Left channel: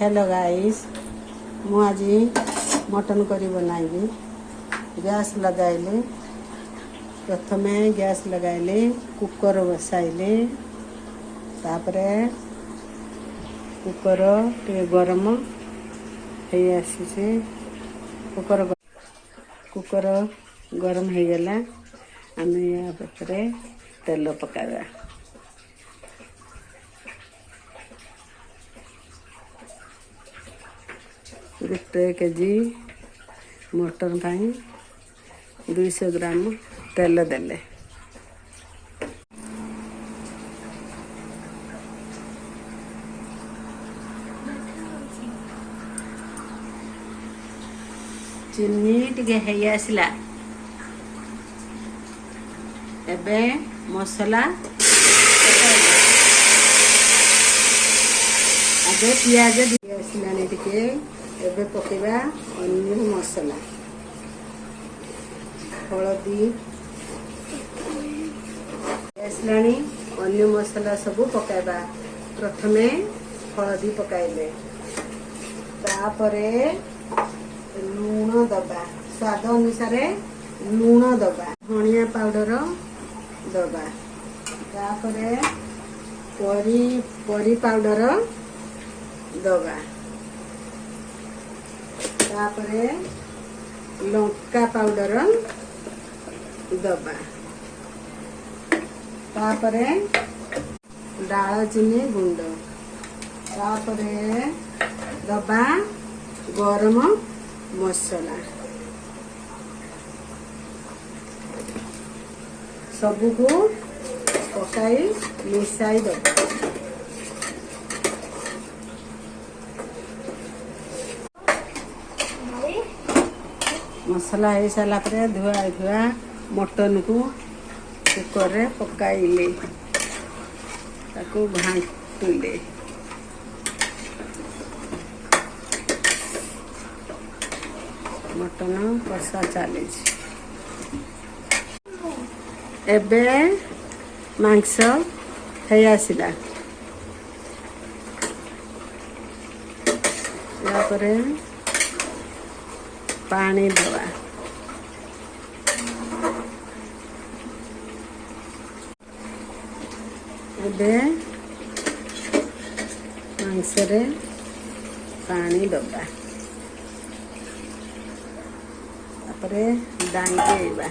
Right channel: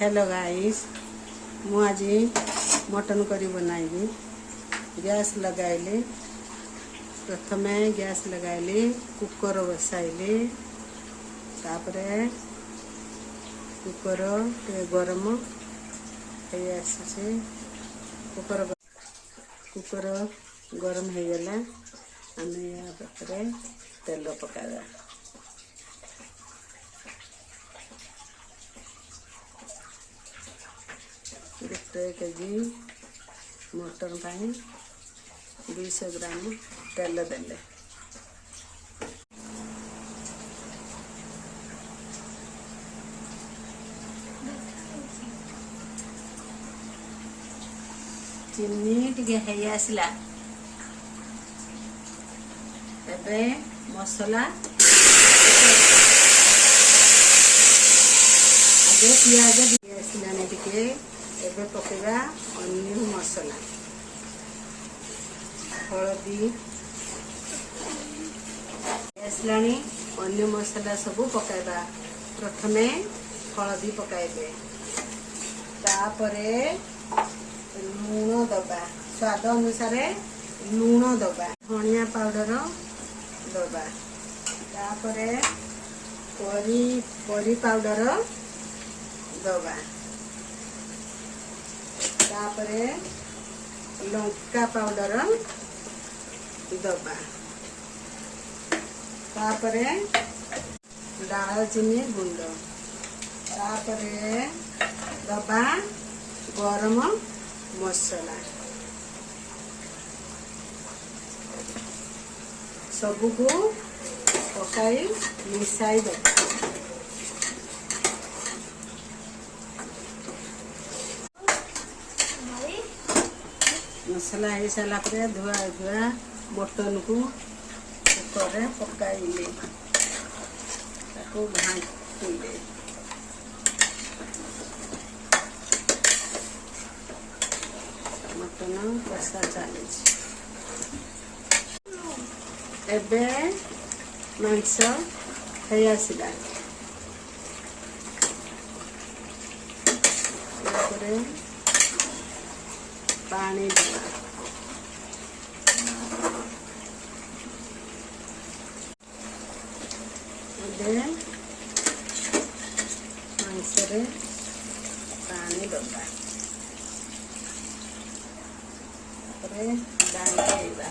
Hello guys मु आज mutton curry बनाइबी। Gas लगाइली, प्रथमे गैस लगाइली, कुकर बसाइली, तापरे कुकर टे गरम हो आसी, कुकर गरम हो गला। आम या तेल पकावा। गोटे केजी मटन पाई 200 ग्राम तेल देले। चीनी टिके हेई आसला। एबे मसला आगे पियाज आसलानी टिके। एबे पकेबा अन्य मसला, हलदी आसलानी। अन्य मसला सब पकाइबा। प्रथमे हलदी पकाइबे, तापरे लूण दबा, स्वाद अनुसार लूण दबा, धनिया पाउडर दबा, तापरे परी पाउडर दबा, तापरे लंका पाउडर दबा, तापरे दालचीनी गुंड, तापरे दबा गरम मसला। सबको पकाई मिसाई दबा। मसला हो सारा पर धुआ मटन को कुकर रे पकाइले, ताको घांटिले। मटन कषा चली। एबे मांस है आसला। पानी दबा, एबे मांस रे पानी दबा, तापरे डांगेबा।